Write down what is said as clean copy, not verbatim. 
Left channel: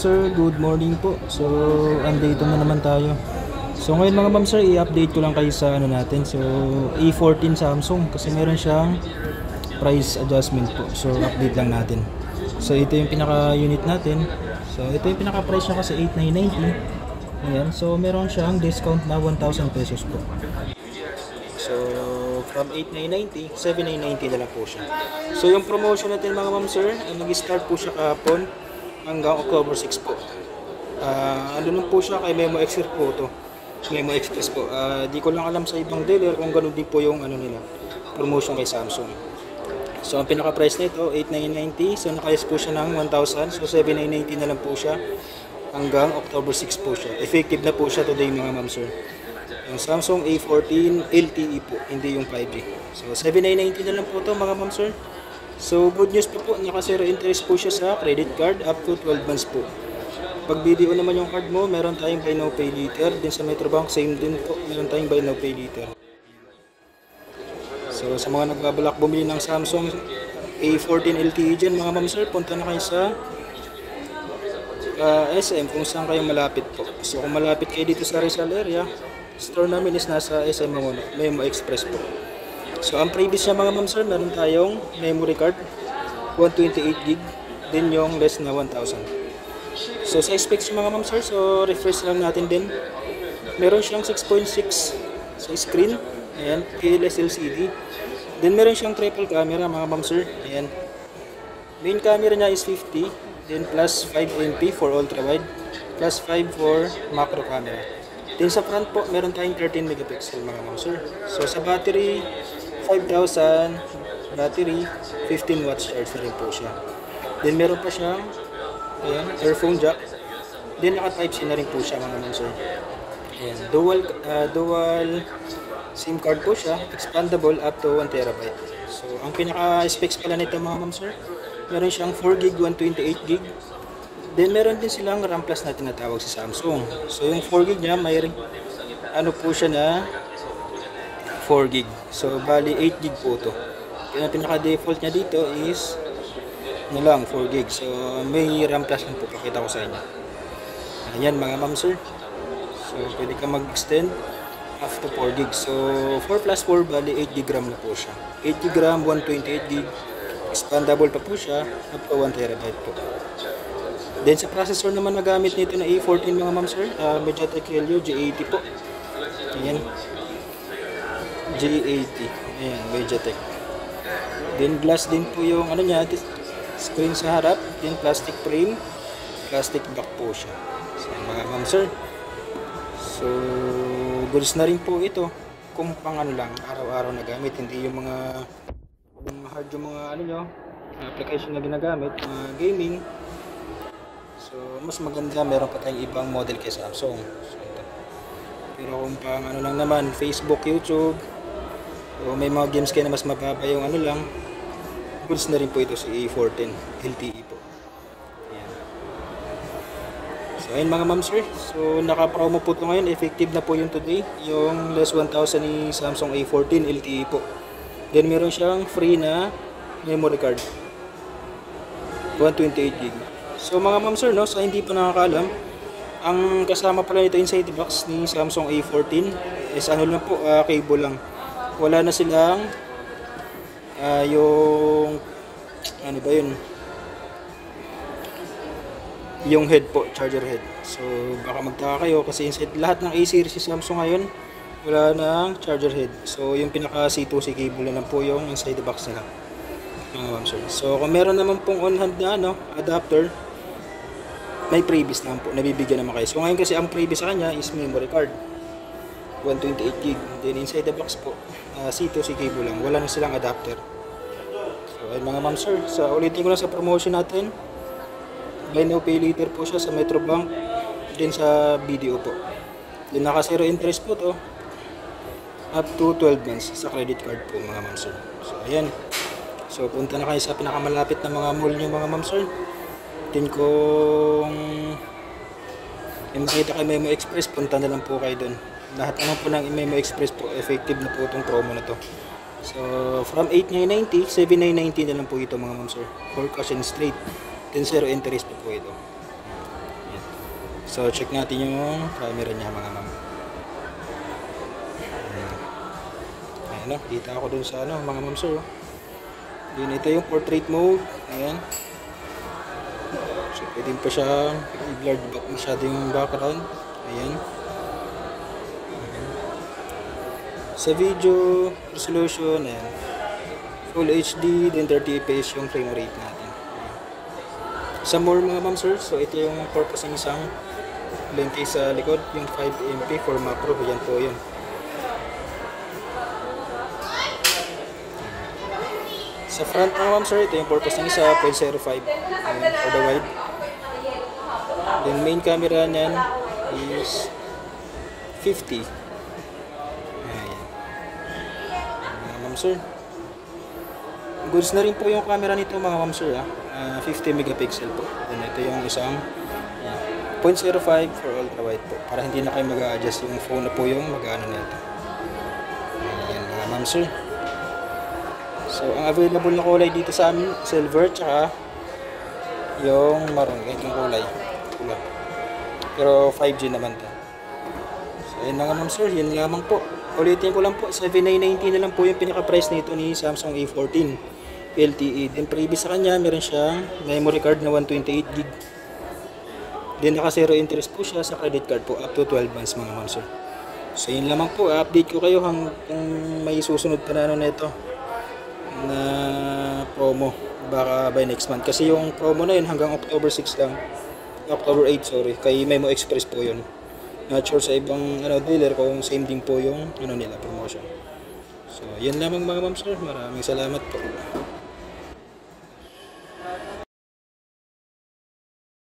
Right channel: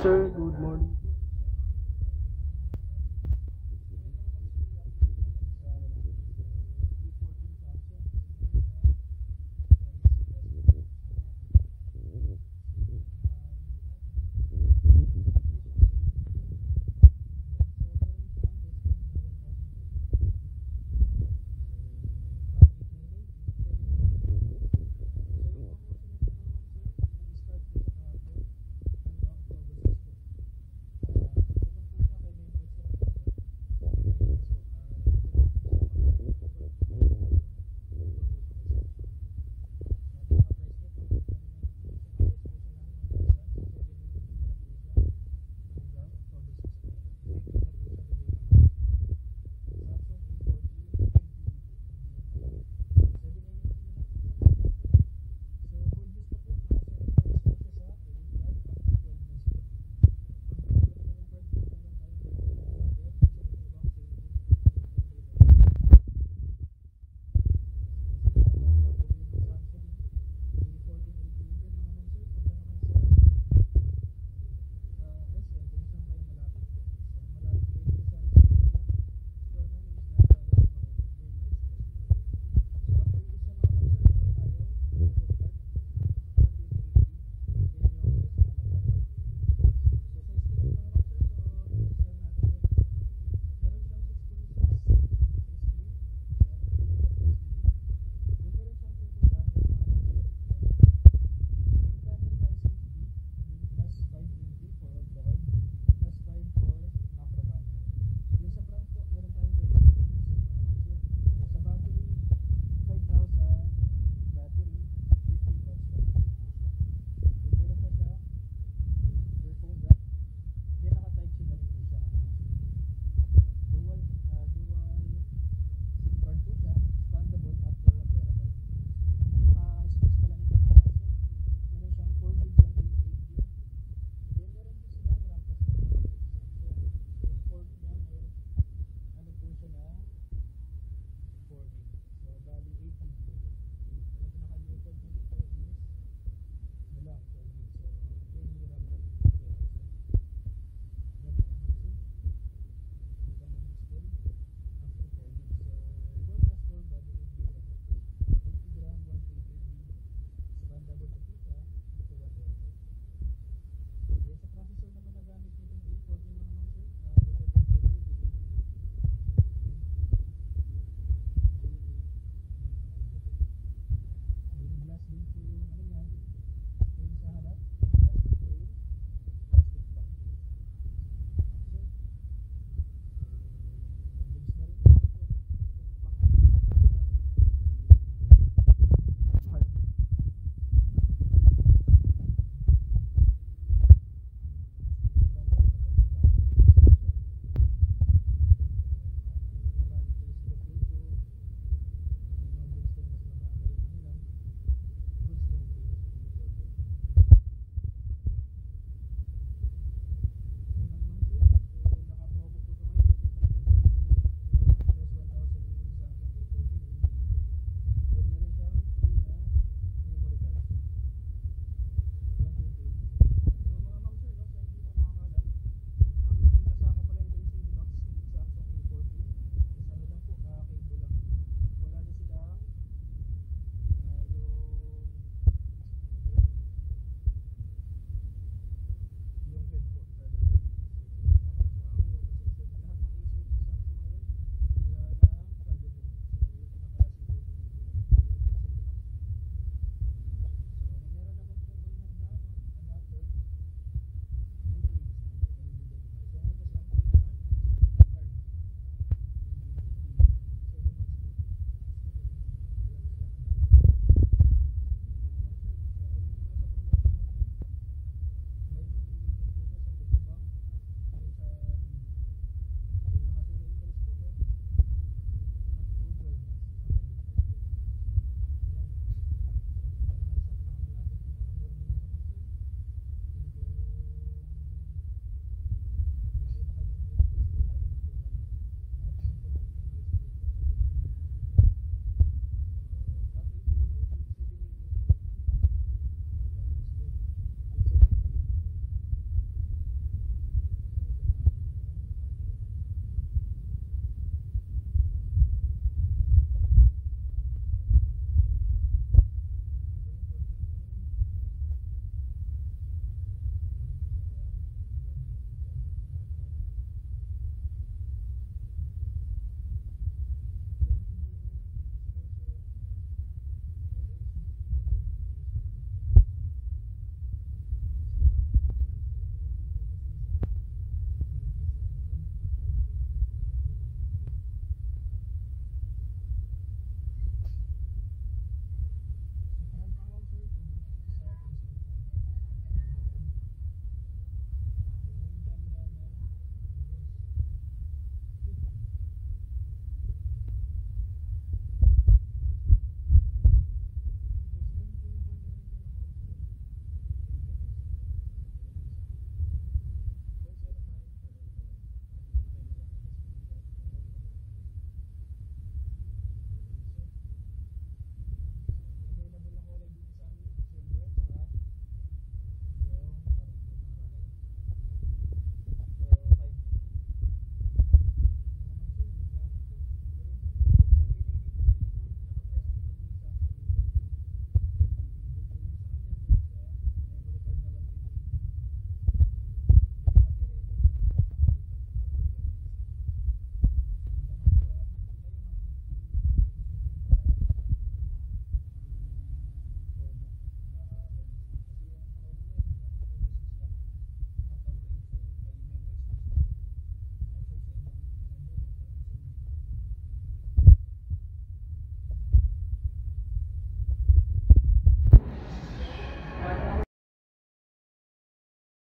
sir, good morning po. So, andito na naman tayo. So, ngayon mga ma'am sir, i-update ko lang kayo sa ano natin. So, A14 Samsung kasi meron siyang price adjustment po. So, update lang natin. So, ito yung pinaka-unit natin. So, ito yung pinaka-price niya kasi 8,990. Ayan. So, meron siyang discount na 1,000 pesos po. So, from 8,990, 7,990 na lang po siya. So, yung promotion natin mga ma'am sir, nag-start po siya kahapon hanggang October 6 po. Ano lang po siya kay Memo Express po to. Memo Express po. Di ko lang alam sa ibang dealer kung ganun din po yung ano nila, promotion kay Samsung. So ang pinaka-price nito 8,990. So naka-list po siya ng 1,000. So 7,990 na lang po siya hanggang October 6 po siya. Effective na po siya today mga ma'am sir. Yung Samsung A14 LTE po, hindi yung 5G. So 7,990 na lang po to mga ma'am sir. So good news po, naka-zero interest po siya sa credit card up to 12 months po. Pag BDO naman yung card mo, meron tayong buy now pay later. Din sa Metrobank, same din po, meron tayong buy now pay later. So sa mga nagbabalak bumili ng Samsung A14 LTE dyan mga ma'am sir, punta na kayo sa SM kung saan kayo malapit po. So kung malapit kayo dito sa Rizal area, store namin is nasa SM Memo Express po. So ang previous niya mga ma'am sir, meron tayong memory card 128GB, din yung less na 1,000. So sa specs mga ma'am sir, so refresh lang natin din. Meron siyang 6.6 sa screen, ayan, PLS LCD. Then meron siyang triple camera mga ma'am sir, ayan. Main camera niya is 50, then plus 5 MP for ultra wide, plus 5 for macro camera. Then sa front po, meron tayong 13 megapixel mga ma'am sir. So sa battery, 5,000 battery, 15 watts charge na rin po siya. Then meron pa siyang ayan, earphone jack. Then naka type C na rin po siya mga ma'am sir. Ayan, dual SIM card po siya, expandable up to 1TB. So ang pinaka specs pala nito mga ma'am sir, meron siyang 4GB, 128GB. Then meron din silang RAM Plus na tinatawag sa Samsung. So yung 4GB niya, may ano po siya na 4GB. So bali 8GB po to. Yung pinaka-default niya dito is ano lang, 4GB. So may RAM Plus lang po, pakita ko sa inyo. Ayan mga ma'am sir. So pwede ka mag-extend up to 4GB. So 4 plus 4 bali 8GB RAM na po siya. 8GB RAM, 128GB. Expandable pa po siya up to 1TB po. Then sa processor naman na gamit nito na A14 mga ma'am sir, MediaTek Helio G80 po. Ayan. G80. Ayan, MediaTek. Then glass din po yung ano niya, screen sa harap, then plastic frame, plastic back po siya. So mga ma'am sir. So goods na rin po ito kung pang ano lang, araw-araw na gamit, hindi yung mga hard yung mga ano nyo, application na ginagamit, mga gaming. So mas maganda, meron pa tayong ibang model kay Samsung. So, pero kung pang ano lang naman, Facebook, YouTube, o may mga games kayo na mas mababa yung ano lang, goods na rin po ito si A14 LTE po. Ayan. So ayun mga ma'am sir, so naka-promo po ito ngayon, effective na po yung today, yung less 1,000 ni Samsung A14 LTE po. Then meron siyang free na memory card 128GB. So mga ma'am sir, no, sa hindi pa nakakaalam, ang kasama pala nito inside the box ni Samsung A14 is ano lang po, cable lang. Wala na silang yung ano ba yun, yung head po, charger head. So baka magtaka kayo kasi inside lahat ng A-series si Samsung ngayon wala nang charger head. So yung pinaka C2C cable na lang po yung inside the box nila mga ma'am sir. So kung meron naman pong on hand na ano, adapter, may previous naman po, nabibigyan naman kayo. So ngayon kasi ang previous sa kanya is memory card 128GB. Then inside the box po, C2C cable lang, wala na silang adapter. So ayun mga ma'am sir, so ulitin ko lang sa promotion natin, buy now pay later po siya sa Metrobank, din sa BDO po. Then naka zero interest po to up to 12 months sa credit card po mga ma'am sir. So ayan, so punta na kayo sa pinakamalapit na mga mall nyo mga ma'am sir. Din kung may makita kayo Memo Express, punta na lang po kayo dun. Lahat naman po ng Memo Express po, effective na po itong promo na to. So from 8,990, 7,990 na lang po ito mga ma'am sir, for cash and straight. Then zero interest po ito. So check natin yung camera niya mga ma'am. Ayan o, kita ako dun sa ano mga ma'am sir. Yun, ito yung portrait mode. Ayan. So pwede pa siya i-blurred back masyado yung background. Ayan. Sa video resolution, ayan, Full HD, then 30 fps yung frame rate natin. Sa more mga ma'am sir, so ito yung purpose ng isang lente sa likod, yung 5MP for macro. Ayan po yun. Sa front mga ma'am sir, ito yung purpose ng isa, 0.05 for the wide. Then main camera niyan is 50. Ayan. Mga ma'am sir, goods na rin po yung camera nito mga ma'am sir, 50 megapixel po. Then ito yung isang 0.05 for ultra wide po, para hindi na kayo mag-a-adjust, yung phone na po yung mag-ano nito. Ayan mga ma'am sir. So ang available na kulay dito sa amin, silver tsaka yung maroon, itong kulay pula. Pero 5G naman to. So ayun mga ma'am sir, yun lamang po. Ulitin ko lang po, 7990 na lang po yung pinaka price nito ni Samsung A14 LTE. Then previous sa kanya, meron siyang memory card na 128GB. Then naka zero interest po siya sa credit card po up to 12 months mga ma'am sir. So yun lamang po, update ko kayo kung may susunod pa na ano nito na promo, baka by next month, kasi yung promo na yun hanggang October 6 lang, October 8 sorry, kay Memo Express po yun. Not sure sa ibang ano dealer kung same din po yung ano nila promotion. So yun lamang mga ma'am sir, maraming salamat po.